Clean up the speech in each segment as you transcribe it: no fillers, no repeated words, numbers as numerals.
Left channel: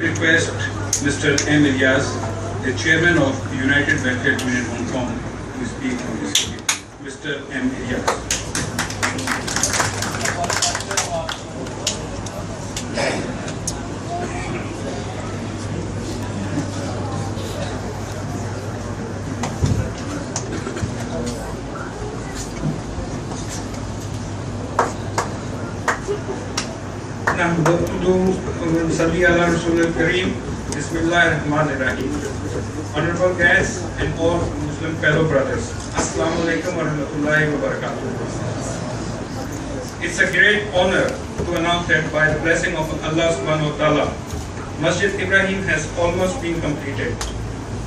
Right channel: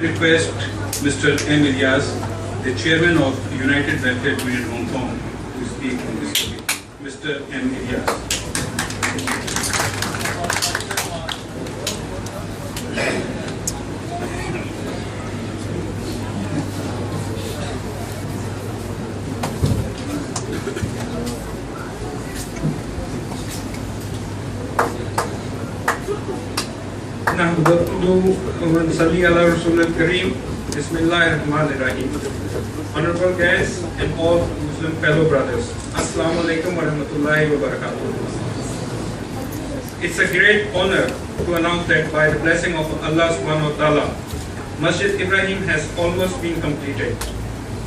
Request Mr. M. Ilyas, the chairman of United Welfare Union Hong Kong, to speak on this topic. Mr. M. Ilyas. Bismillahirrahmanirrahim. Honorable guests and all Muslim fellow brothers, Assalamu alaikum wa rahmatullahi wa barakatuh. It's a great honor to announce that by the blessing of Allah subhanahu wa ta'ala, Masjid Ibrahim has almost been completed,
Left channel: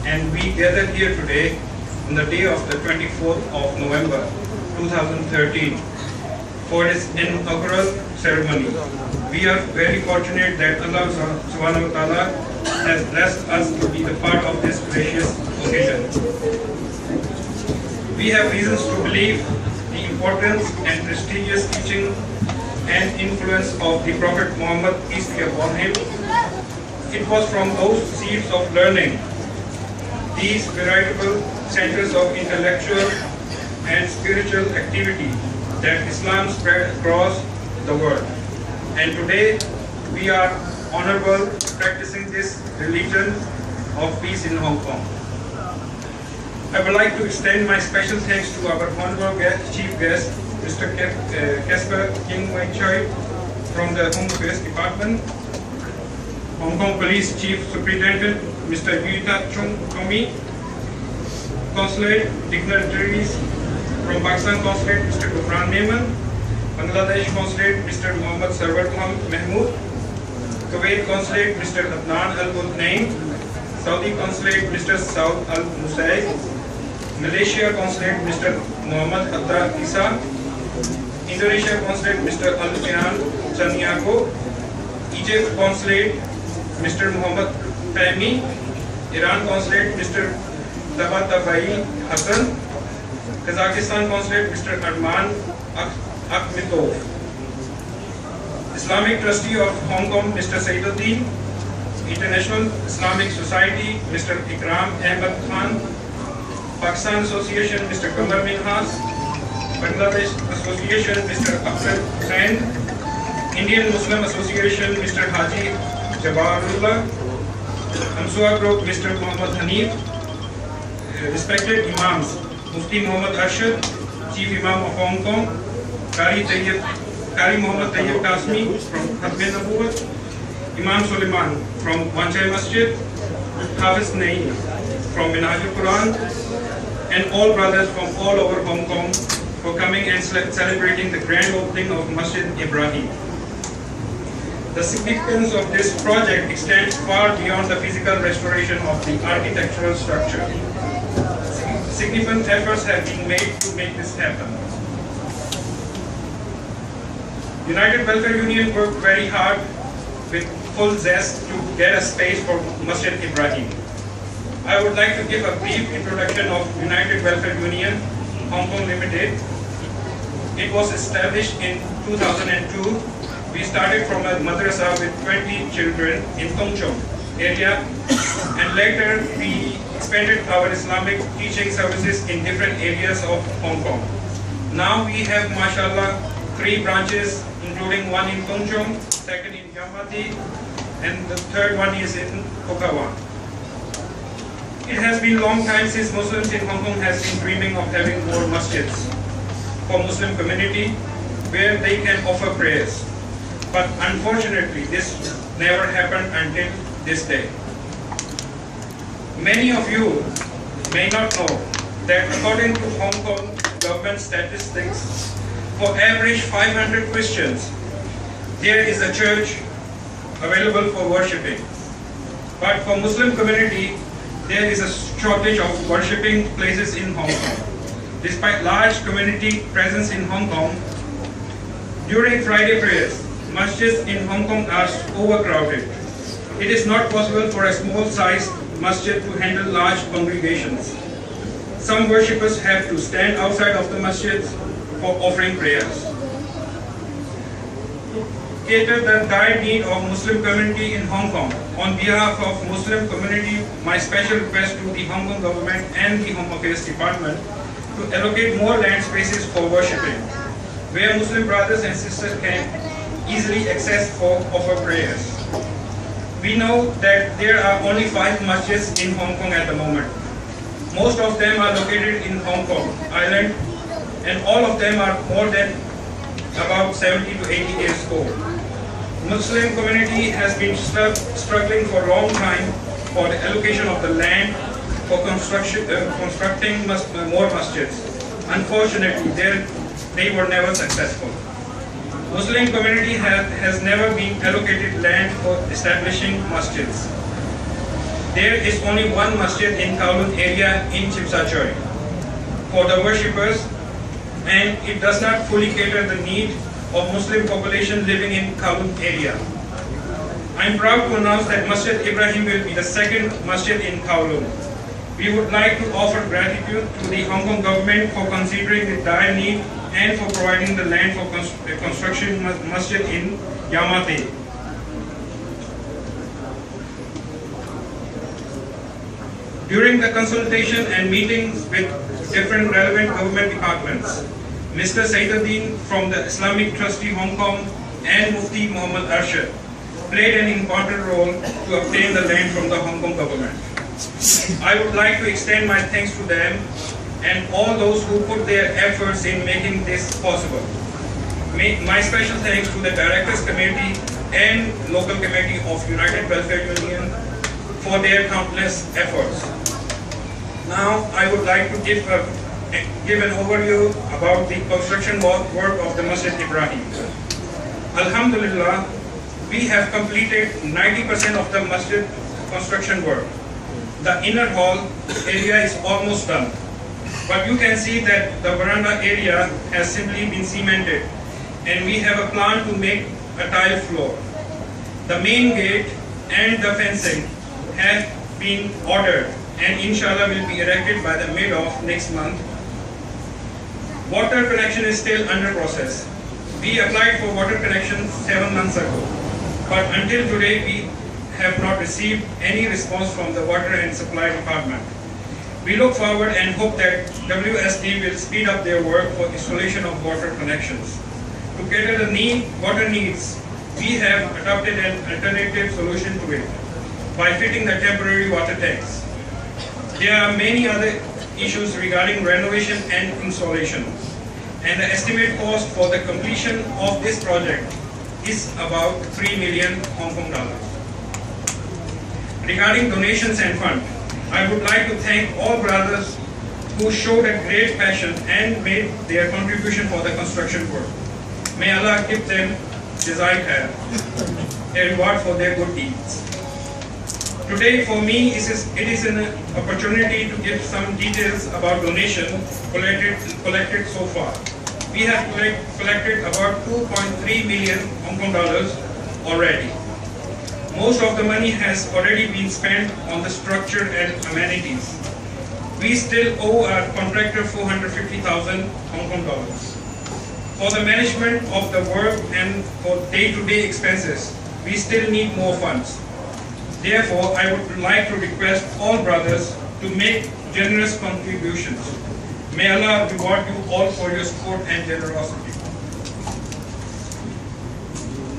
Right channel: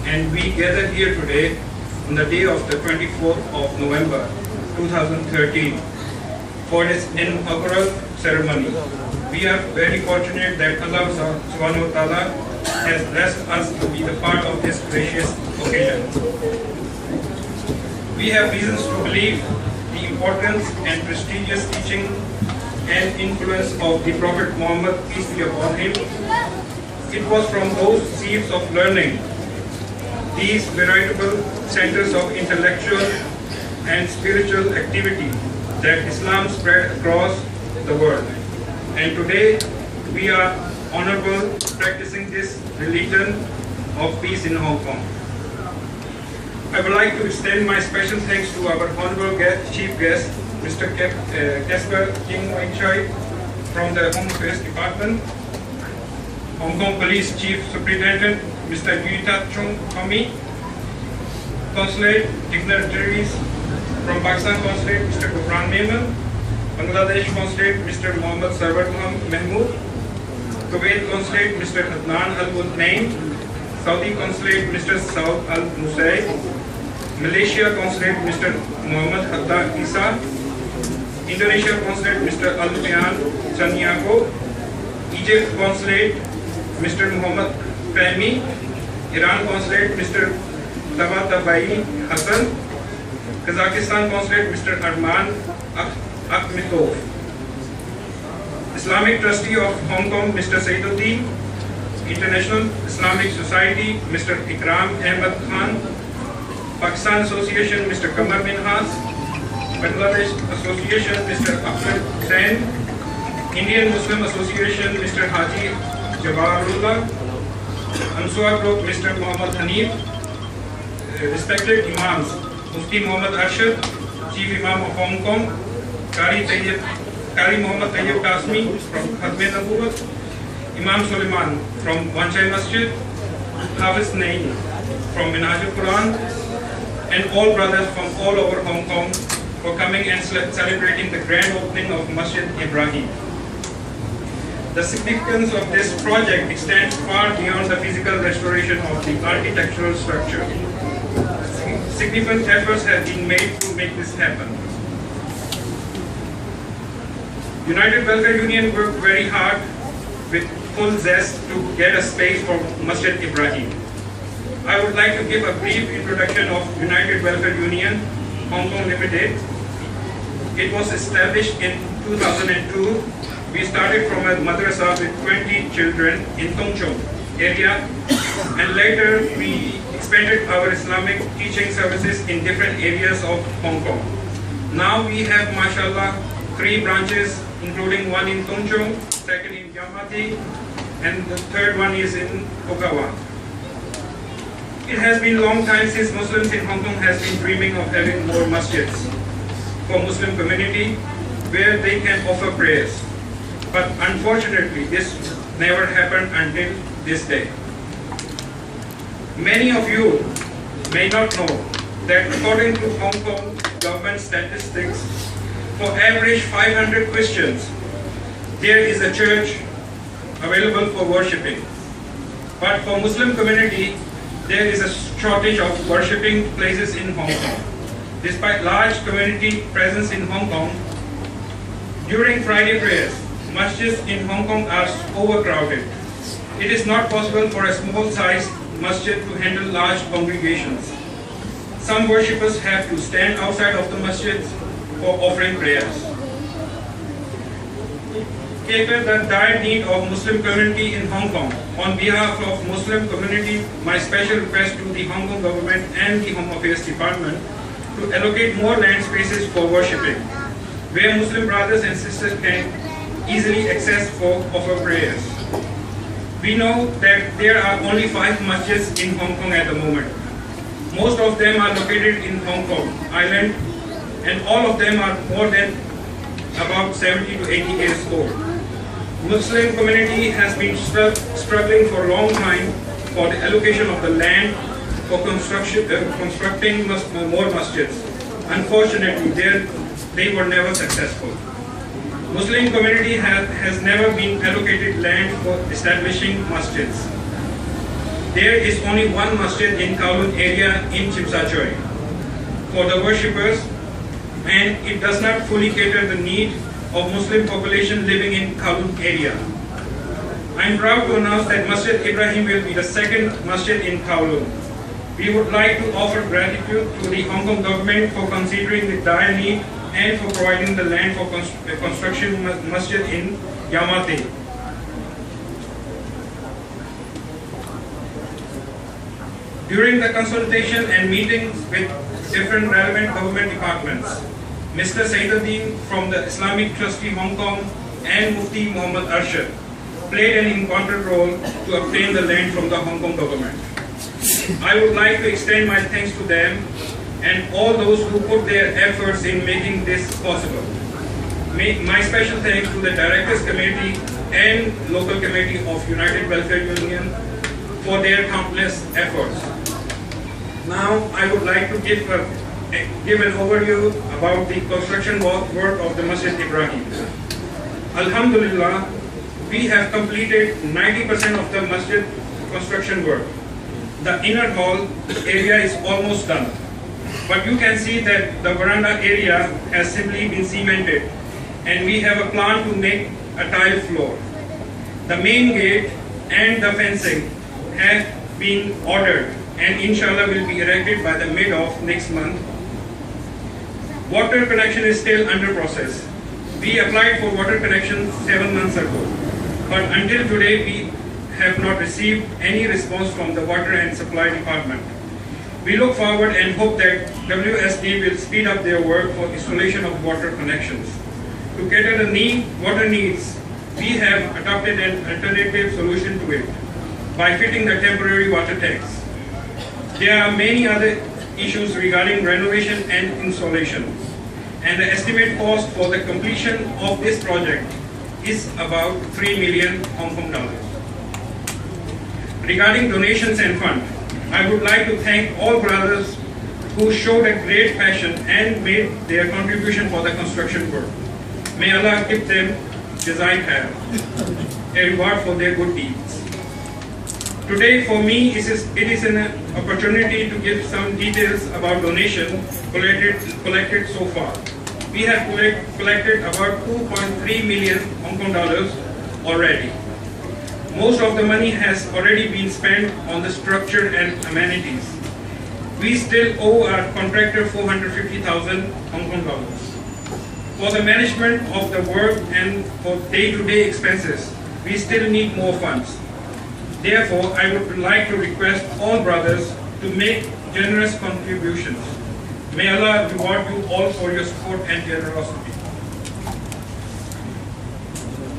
and we gather here today on the day of the 24th of November 2013 for its inaugural ceremony. We are very fortunate that Allah subhanahu wa ta'ala has blessed us to be the part of this gracious occasion. We have reasons to believe the importance and prestigious teaching and influence of the Prophet Muhammad, peace be upon him. It was from those seeds of learning, these veritable centers of intellectual and spiritual activity, that Islam spread across the world. And today we are honorable practicing this religion of peace in Hong Kong. I would like to extend my special thanks to our honorable chief guest, Mr. Casper King Wai Choi from the Home Affairs Department, Hong Kong Police Chief Superintendent, Mr. Yuita Chung Kami, Consulate dignitaries from Pakistan Consulate, Mr. Gufran Naiman, Bangladesh Consulate, Mr. Muhammad Sarwar Mahmood, Kuwait Consulate, Mr. Adnan Al-Mutnain, Saudi Consulate, Mr. Saud Al-Musaib, Malaysia Consulate, Mr. Muhammad Hatta Isa, Indonesia Consulate, Mr. Al-Fian Sanyago, Egypt Consulate, Mr. Muhammad Fahmi, Iran Consulate, Mr. Tabatabai Hassan, Kazakhstan Consulate, Mr. Arman Akhmetov, Islamic Trustee of Hong Kong, Mr. Saiduddin, International Islamic Society, Mr. Ikram Ahmed Khan, Pakistan Association, Mr. Qamar Minhas, Bangladesh Association, Mr. Ahmed Hussain, Indian Muslim Association, Mr. Haji Jabarullah, Ansua Group, Mr. Muhammad Hanif, respected Imams, Mufti Muhammad Arshad, Chief Imam of Hong Kong, Qari Muhammad Tayyib Qasmi from Khatme Nabuwat, Imam Suleiman from Wanchai Masjid, Hafiz Naeem from Minhajul Quran, and all brothers from all over Hong Kong for coming and celebrating the grand opening of Masjid Ibrahim. The significance of this project extends far beyond the physical restoration of the architectural structure. Significant efforts have been made to make this happen. United Welfare Union worked very hard with full zest to get a space for Masjid Ibrahim. I would like to give a brief introduction of United Welfare Union, Hong Kong Limited. It was established in 2002. We started from a madrasa with 20 children in Tung Chung area, and later we expanded our Islamic teaching services in different areas of Hong Kong. Now we have, mashallah, 3 branches, including one in Tung Chung, second in Yamati, and the third one is in Pokawan. It has been a long time since Muslims in Hong Kong has been dreaming of having more masjids for Muslim community where they can offer prayers. But unfortunately, this never happened until this day. Many of you may not know that according to Hong Kong government statistics, for average 500 Christians, there is a church available for worshipping. But for Muslim community, there is a shortage of worshipping places in Hong Kong. Despite large community presence in Hong Kong, during Friday prayers, masjids in Hong Kong are overcrowded. It is not possible for a small-sized masjid to handle large congregations. Some worshippers have to stand outside of the masjids for offering prayers. cater the dire need of Muslim community in Hong Kong. On behalf of Muslim community, my special request to the Hong Kong government and the Home Affairs Department to allocate more land spaces for worshipping, where Muslim brothers and sisters can easily access for offer prayers. We know that there are only 5 masjids in Hong Kong at the moment. Most of them are located in Hong Kong Island, and all of them are more than about 70 to 80 years old. Muslim community has been struggling for a long time for the allocation of the land for constructing more masjids. Unfortunately, they were never successful. Muslim community has never been allocated land for establishing masjids. There is only one masjid in Kowloon area in Tsim Sha Tsui for the worshippers, and it does not fully cater the need of Muslim population living in Kowloon area. I am proud to announce that Masjid Ibrahim will be the second masjid in Kowloon. We would like to offer gratitude to the Hong Kong government for considering the dire need and for providing the land for construction masjid in Yamate. During the consultation and meetings with different relevant government departments, Mr. Saiduddin from the Islamic Trustee Hong Kong and Mufti Muhammad Arshad played an important role to obtain the land from the Hong Kong government. I would like to extend my thanks to them and all those who put their efforts in making this possible. My special thanks to the Directors Committee and Local Committee of United Welfare Union for their countless efforts. Now I would like to give an overview about the construction work of the Masjid Ibrahim. Alhamdulillah, we have completed 90% of the masjid construction work. The inner hall area is almost done, but you can see that the veranda area has simply been cemented, and we have a plan to make a tile floor. The main gate and the fencing have been ordered and inshallah will be erected by the mid of next month. Water connection is still under process. We applied for water connection 7 months ago, but until today we have not received any response from the Water and Supply Department. We look forward and hope that WSD will speed up their work for installation of water connections. To cater the water needs, we have adopted an alternative solution to it by fitting the temporary water tanks. There are many other issues regarding renovation and installation, and the estimate cost for the completion of this project is about 3 million Hong Kong dollars. Regarding donations and fund, I would like to thank all brothers who showed a great passion and made their contribution for the construction work. May Allah give them jazai khair, a reward for their good deeds. Today, for me, it is an opportunity to give some details about donation collected so far. We have collected about 2.3 million Hong Kong dollars already. Most of the money has already been spent on the structure and amenities. We still owe our contractor 450,000 Hong Kong dollars. For the management of the work and for day-to-day expenses, we still need more funds. Therefore, I would like to request all brothers to make generous contributions. May Allah reward you all for your support and generosity.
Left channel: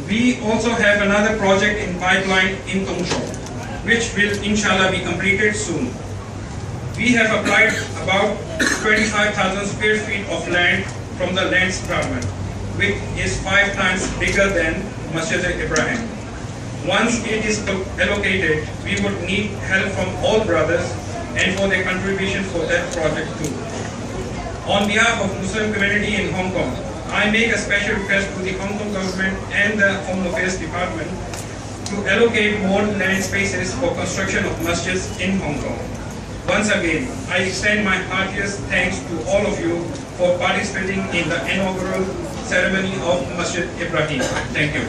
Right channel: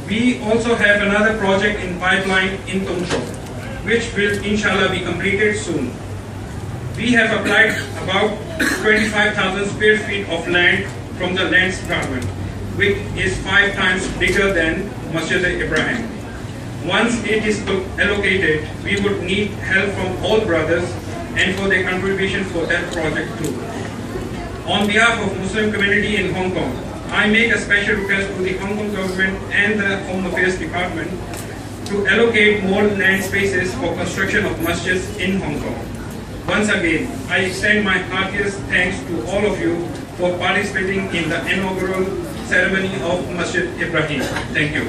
We also have another project in pipeline in Tung Chau, which will inshallah be completed soon. We have applied about 25,000 square feet of land from the lands department, which is 5 times bigger than Masjid Ibrahim. Once it is allocated, we would need help from all brothers and for their contribution for that project too. On behalf of Muslim community in Hong Kong, I make a special request to the Hong Kong government and the Home Affairs Department to allocate more land spaces for construction of masjids in Hong Kong. Once again, I extend my heartiest thanks to all of you for participating in the inaugural ceremony of Masjid Ibrahim. Thank you.